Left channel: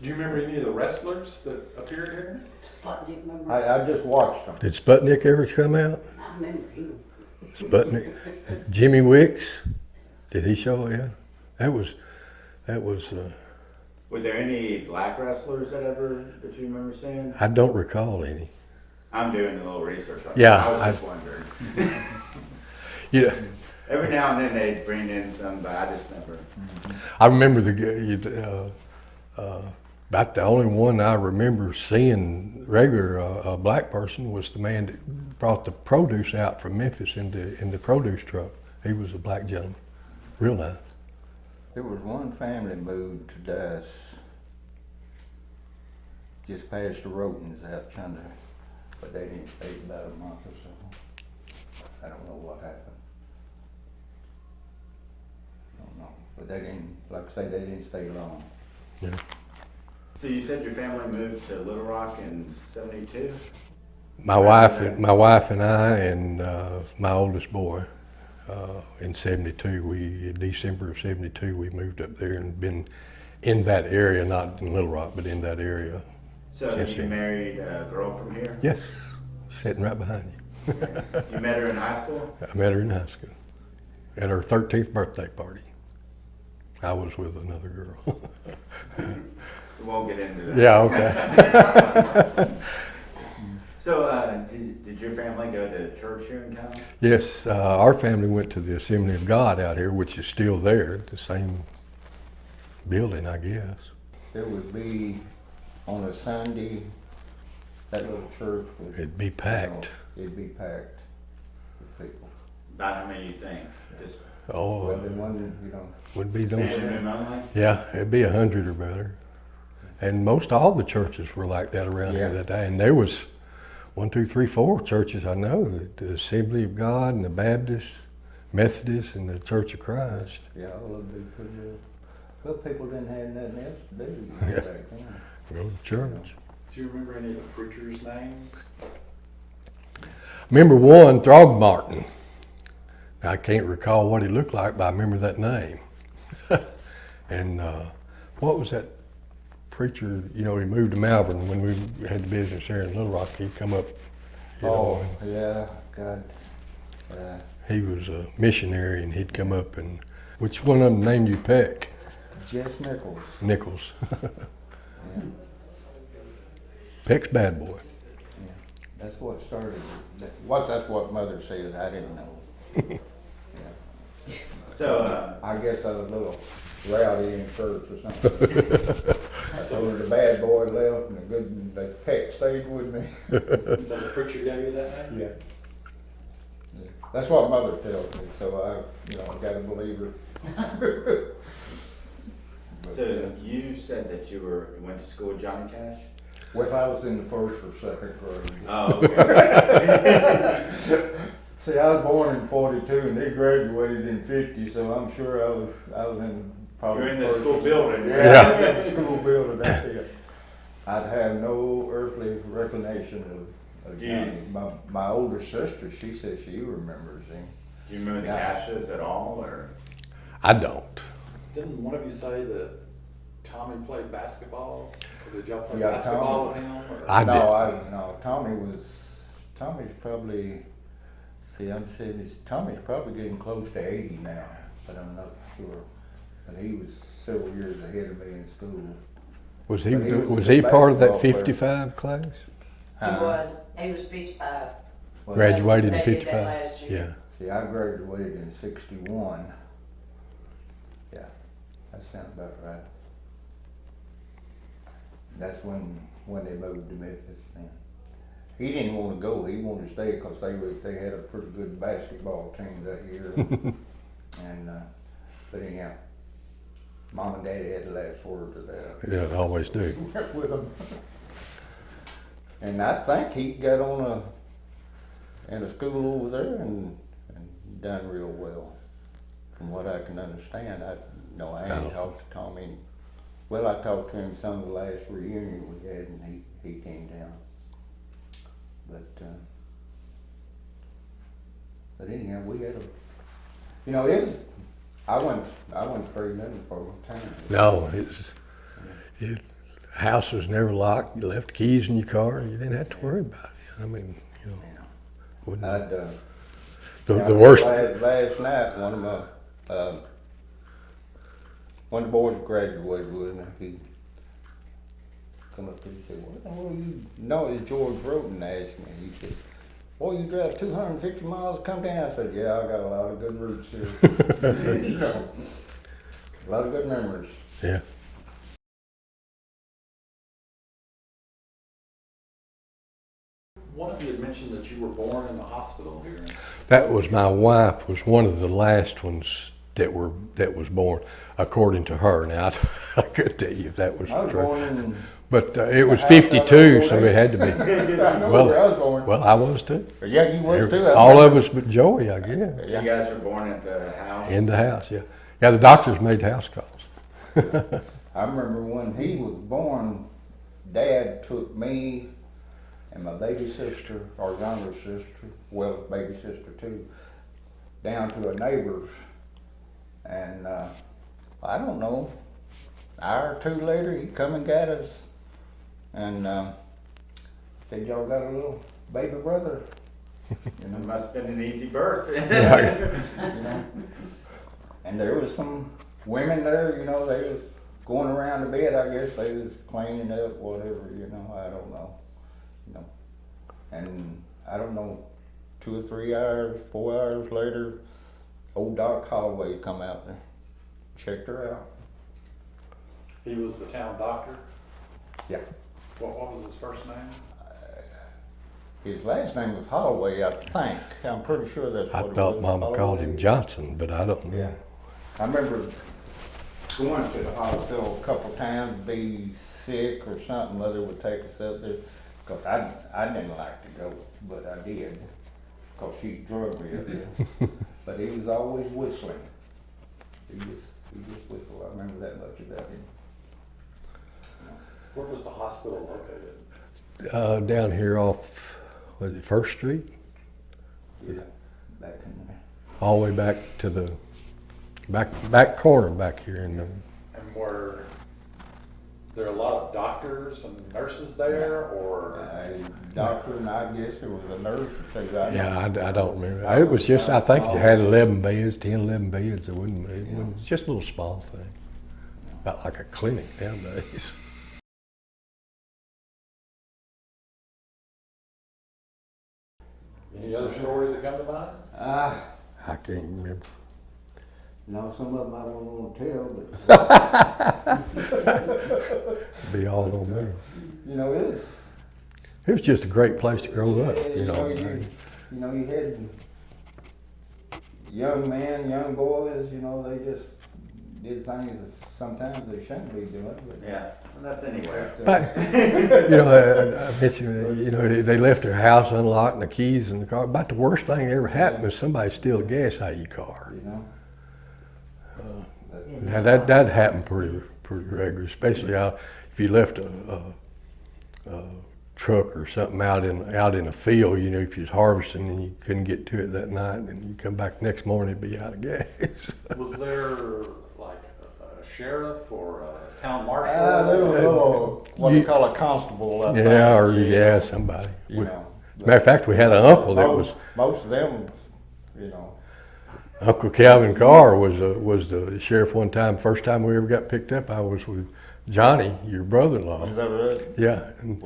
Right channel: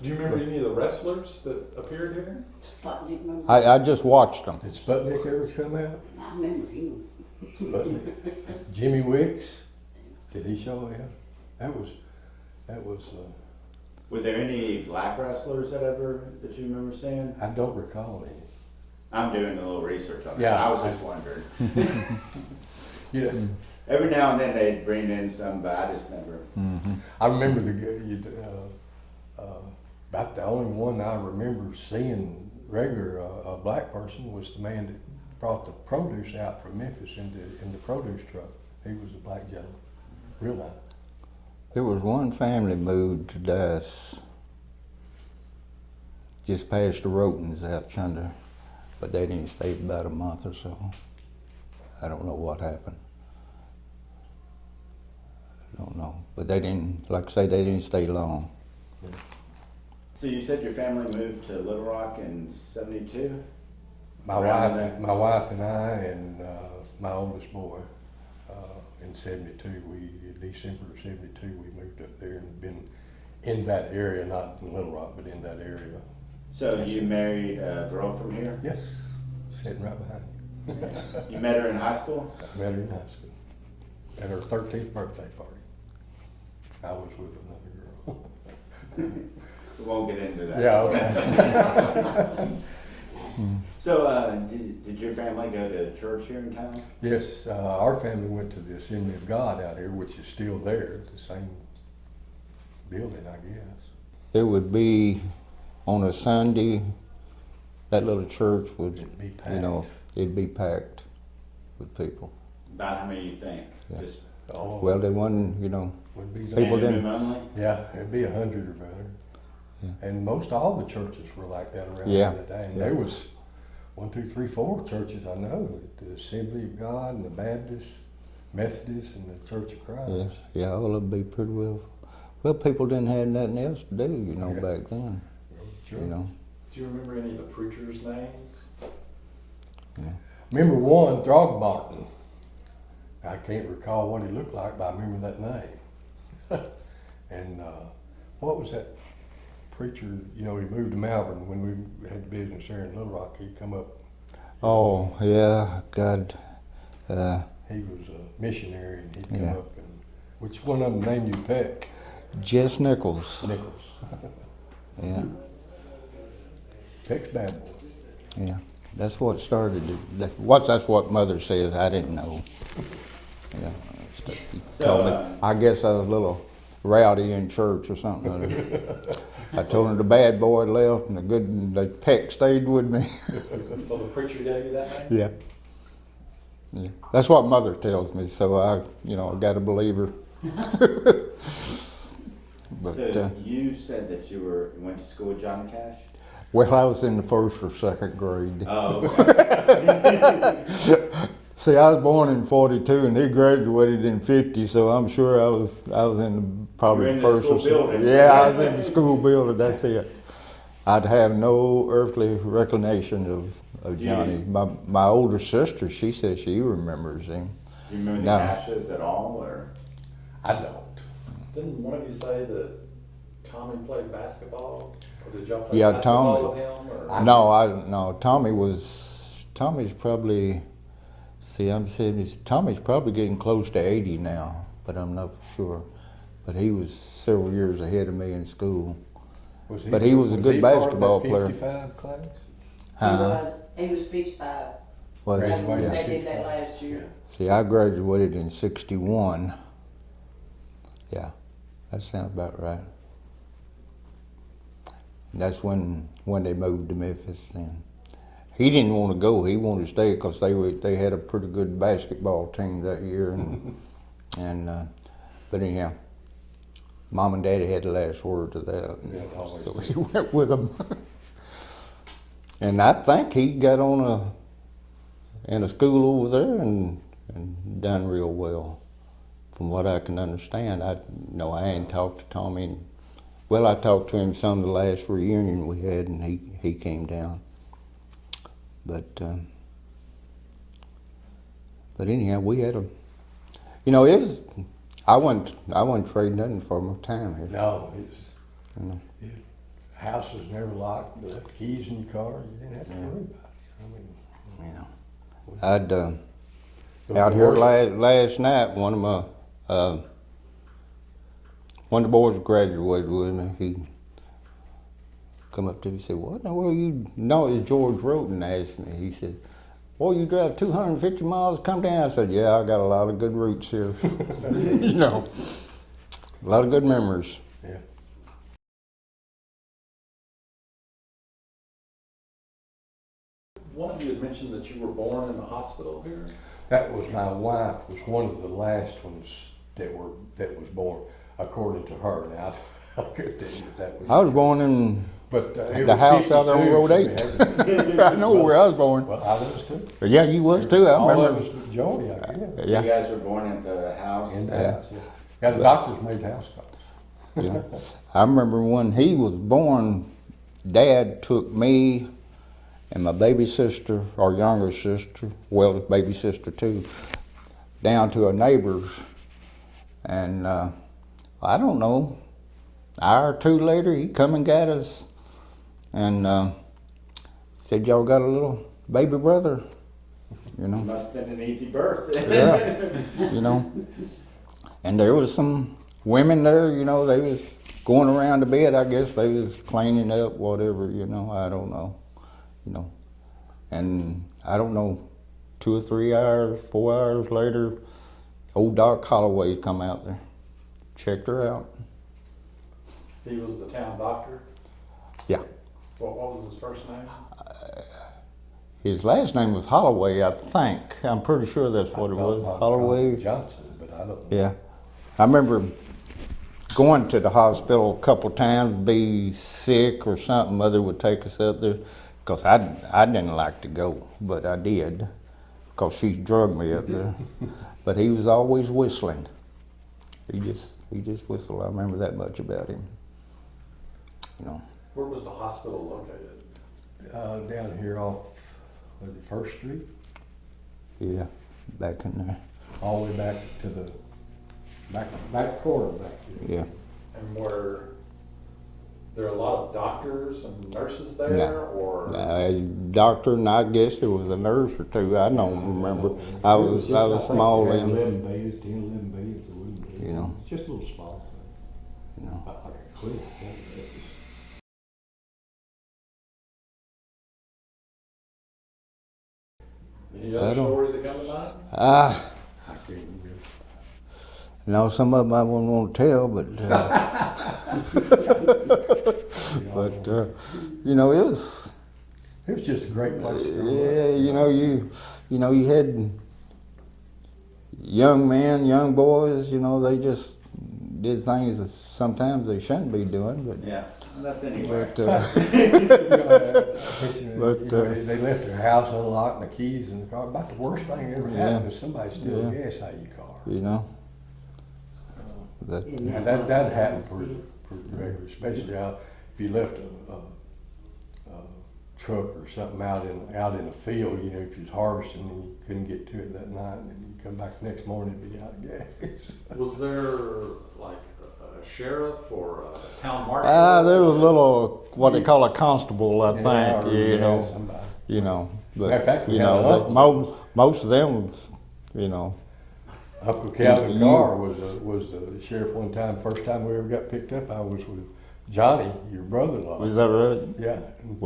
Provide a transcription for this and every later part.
Do you remember any of the wrestlers that appeared here? Sputnik, remember? I just watched them. Did Sputnik ever come out? I remember you. Sputnik, Jimmy Wicks, did he show? Yeah, that was. Were there any black wrestlers that you remember seeing? I don't recall any. I'm doing a little research on Yeah, that. I was just wondering. You know, Every now and then they'd bring in some, but I just never. I remember about the only one I remember seeing regular a black person was the man that brought the produce out from Memphis in the produce truck. He was a black gentleman, real nice. There was one family moved to Dallas just past the Rotens out yonder, but they didn't stay about a month or so. I don't know what happened. I don't know, but they didn't, like I say, they didn't stay long. Yeah. So you said your family moved to Little Rock in '72? My wife and I and my oldest boy in '72. December of '72, we moved up there and been in that area, not in Little Rock, but in that area. So Yes, you sir. married a girl from here? Yes, sitting right behind you. You met her in high school? I met her in high school at her 13th birthday party. I was with another girl. We won't get into that. Yeah, okay. So did your family go to church here in town? Yes, our family went to the Assembly of God out here, which is still there, the same building, I guess. It would be on a Sunday, that little church would, It'd be packed. It'd be packed with people. About how many you think? Yeah. Just Oh, Well, they wasn't, would be People family didn't- only? Yeah, it'd be 100 or better. And most all the churches were like that around Yeah. here that day. And there was 1, 2, 3, 4 churches I know: the Assembly of God, and the Baptist, Methodist, and the Church of Christ. yeah, all of them be pretty well. Well, people didn't have nothing else to do, Yeah. back then. Well, the church. know. Do you remember any of the preachers' names? Remember one, Throgmorton. I can't recall what he looked like, but I remember that name. And what was that preacher? You know, he moved to Malvern when we had the business here in Little Rock. He'd come up. You know, Oh, yeah, God. he was a missionary, and he'd come up and. Which one of them named you Peck? Jess Nichols. Nichols. Yeah, Peck's bad boy. yeah. That's what started it. That's what Mother says. I didn't know. Yeah. So, I guess I was a little rowdy in church or something. I told her the bad boy left and the Peck stayed with me. So the preacher gave you that name? Yeah. Yeah. That's what Mother tells me, so I gotta believe her. But, So you said that you went to school with Johnny Cash? well, I was in the 1st or 2nd grade. Oh, okay. See, I was born in '42 and he graduated in '50, so I'm sure I was in probably You're in the first school or second. building. Yeah, I was in the school building. That's it. I'd have no earthly recollection of Johnny. My older sister, she says she remembers him. Do you remember the No. Cashes at all, or? I don't. Didn't one of you say that Tommy played basketball? Or did y'all play Yeah, basketball Tommy. with him? Or? I No. Tommy's probably. See, Tommy's probably getting close to 80 now, but I'm not sure. But he was several years ahead of me in school. Was he? But he was a was good he part of that basketball player. 55 class? He was 55. Was Right. Graduated in They did that 55. last year. Yeah. See, I graduated in '61. Yeah, that sounds about right. That's when they moved to Memphis. Then he didn't want to go. He wanted to stay because they had a pretty good basketball team that year. But anyhow, Mom and Daddy had the last word to that. Yeah, they always do. He went with them. And I think he got on in a school over there and done real well, from what I can understand. I hadn't talked to Tommy. Well, I talked to him some of the last reunion we had, and he came down. But anyhow, we had it was. I wouldn't trade nothing for my time. No, House was never locked. You left keys in your car. You didn't have to worry about it. I mean, you know. wouldn't- I'd, the out here worst. last night, one of the boys graduated with me. He come up to me and said, "What in the world you know?" It's George Roten asked me. He said, "Well, you drive 250 miles to come down?" I said, "Yeah, I got a lot of good routes here." You know, a lot of good memories. Yeah. One of you had mentioned that you were born in the hospital here. That was my wife. Was one of the last ones that was born, according to her. Now I couldn't tell you if that was. I was true. born in. But it the was house out on 52, Road so 8. it had to be. I know Well- where I was born. Well, I was too. Yeah, you was too. I All remember. of us but Joey, I guess. Yeah. You guys were born at the house? In the house, yeah. Yeah, the doctors made house calls. Yeah. I remember when he was born, Dad took me and my baby sister, our younger sister, well, baby sister too, down to a neighbor's. And I don't know, an hour or two later, he come and got us and said, "Y'all got a little baby brother," you know. Must have been an easy birth. You know. And there was some women there, you know, they was going around the bed. I guess they was cleaning up, whatever, you know, I don't know, you know. And I don't know, 2 or 3 hours, 4 hours later, old Doc Holloway come out there, checked her out. He was the town doctor. Yeah. What was his first name? His last name was Holloway, I think. I'm pretty sure that's I what it thought was. Mom called Holloway. him Johnson, but I don't know. Yeah. I remember going to the hospital a couple times, be sick or something. Mother would take us up there, because I didn't like to go, but I did, because she drugged me up there. But he was always whistling. He just whistled. I remember that much about him. You know. Where was the hospital located? Down here off, was it First Street? Yeah, back in there. All the way back to the back corner back here. Yeah. And were there a lot of doctors and nurses there, or? Doctor, and I guess there was a nurse or two. I Yeah, don't I remember. don't remember. It was just, I think small. it had 11 beds, 10, 11 beds. It wasn't, You know. it's just a little small thing. No. About like a clinic nowadays. Any I other don't- stories that come to mind? Ah. I can't remember. No, some of them I wouldn't want to tell, but We all but, know. you know, it was. It was just a great place to grow up. Yeah, you know, you had young men, young boys. You know, they just did things that sometimes they shouldn't be doing. But, Yeah, that's anywhere. but You know, I bet you, But, you know, they left their house unlocked and the keys in the car. About the worst thing that ever happened was somebody steal the gas out of your car. you know. But, Now that happened pretty regular, especially out if you left a truck or something out in a field. You know, if you was harvesting and you couldn't get to it that night, and you come back the next morning, it'd be out of gas. Was there like a sheriff or a town marshal? there was a little what they call a constable, I think. Yeah, or you yeah, know, somebody. You know. But, Matter of fact, we you had know, an uncle that most, was. most of them, you know. Uncle Calvin Carr was the sheriff one time. First time we ever got picked up, I was with Johnny, your brother-in-law. Was that right? Yeah. And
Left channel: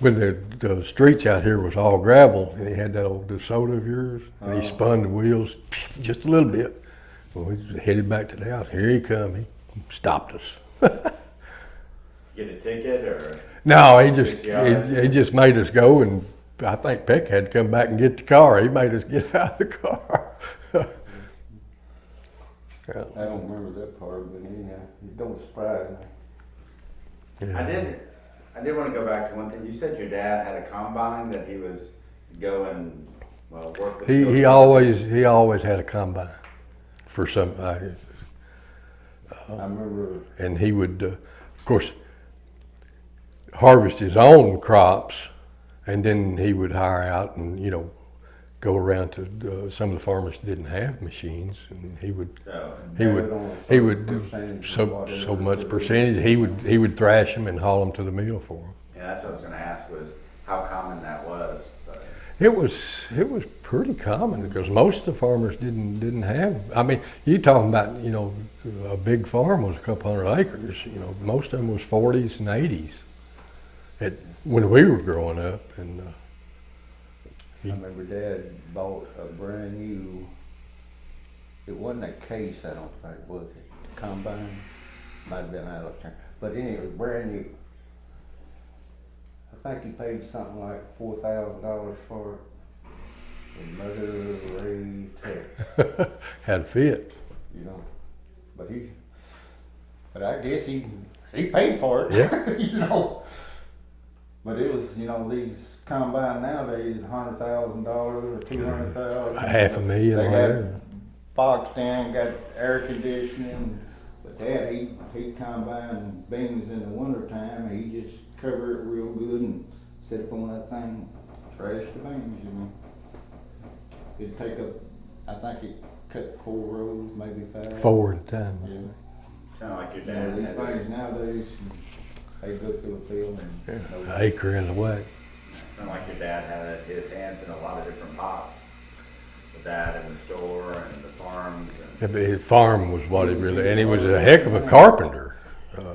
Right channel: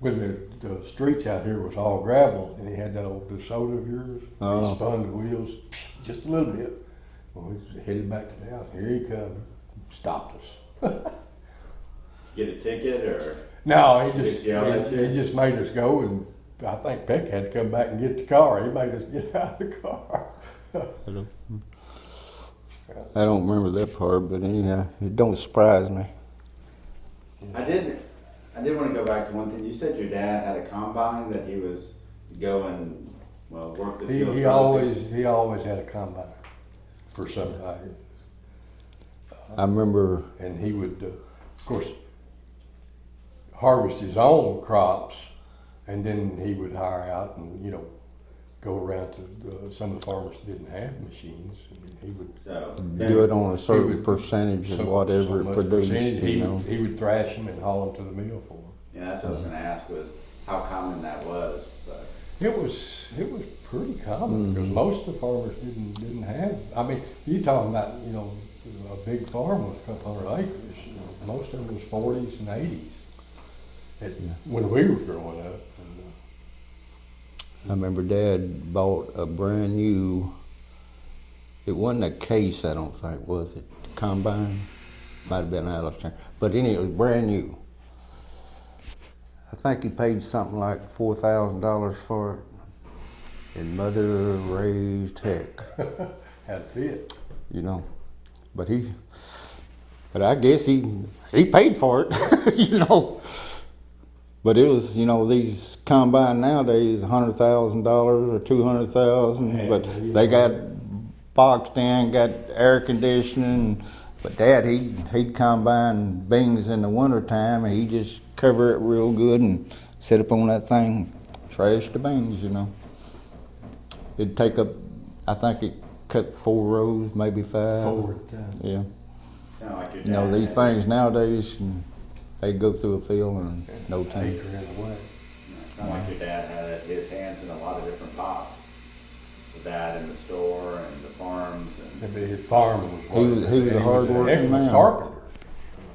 when the streets out here was all gravel, and he had that old DeSoto of yours, he spun the wheels just a little bit. Well, we just headed back to the house. Here he come. He stopped us. Get a ticket or? No, he just made us go, and I think Peck had to come back and get the car. He made us get out of the car. I don't remember that part, but anyhow, it don't surprise me. I did want to go back to one thing. You said your dad had a combine that he was going, well, work the field. He always had a combine for some. I remember. And he would, of course, harvest his own crops, and then he would hire out and go around to some of the farmers that didn't have machines, and he would. So, He Do would- it on a He certain would percentage so, of whatever. so much produced, percentage. you know. He would thrash them and haul them to the mill for them. yeah, that's what I was gonna ask was how common that was, but. It was pretty common because most of the farmers didn't have. I mean, you talking about a big farm was a couple hundred acres. Most of them was 40s and 80s. When we were growing up, and I remember Dad bought a brand new, it wasn't a case, I don't think, was it? Combine? Might have been out of there. But anyway, it was brand new. I think he paid something like $4,000 for it. And mother raised heck, had fit. But I guess he paid for it, But it was, these combine nowadays, $100,000 or $200,000. Half a but million they got or- boxed in, got air conditioning. But Dad, he'd combine beans in the wintertime, and he'd just cover it real good and sit up on that thing, trash the beans, It'd take up, I think it cut 4 rows, maybe 5. 4 at a time. Yeah. Kinda like your dad. These had things nowadays, they go through a field and no time. Acre and away. Sound like your dad had his hands in a lot of different pots. The dad in the store and the farms and. His farm was what He it was- really, he and he was was a a heck of a hard-working man. carpenter.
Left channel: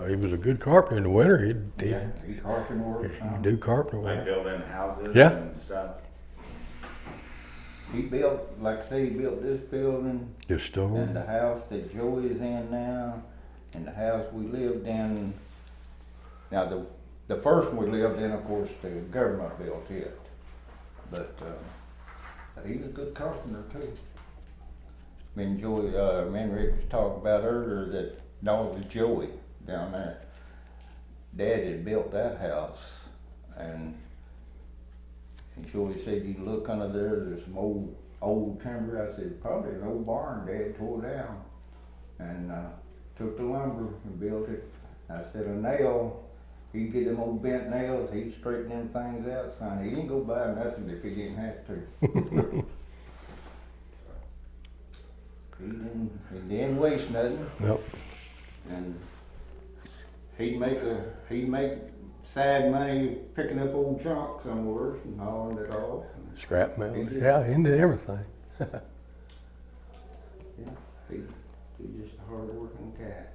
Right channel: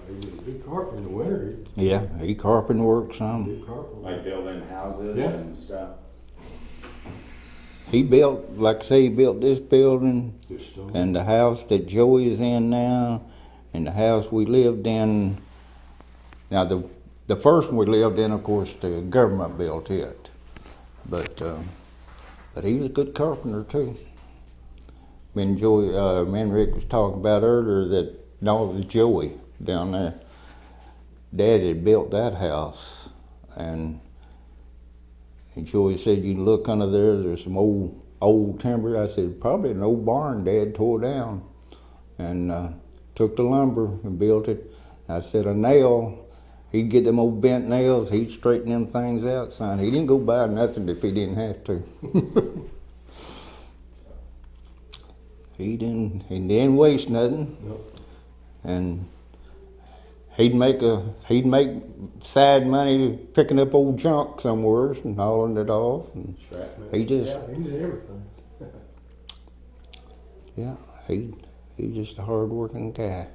He was a good carpenter in the winter. Yeah, he carpenter work some. He'd do carpenter Like work. building houses Yeah. and stuff. He built, like I say, he built this building Just stone. and the house that Joey is in now, and the house we lived in. Now the first one we lived in, of course, the government built it, but he was a good carpenter too. Me and Rick was talking about earlier that no, it was Joey down there. Dad had built that house, and Joey said, "You look under there. There's some old timber." I said, "Probably an old barn Dad tore down, and took the lumber and built it." I said, "A nail. He'd get them old bent nails. He'd straighten them things out, son. He didn't go buy nothing if he didn't have to." He didn't waste nothing, Yep. and he'd make sad money picking up old junk somewhere and hauling it off. And Scrap metal. He just- Yeah, into everything. yeah, he's just a hard-working guy.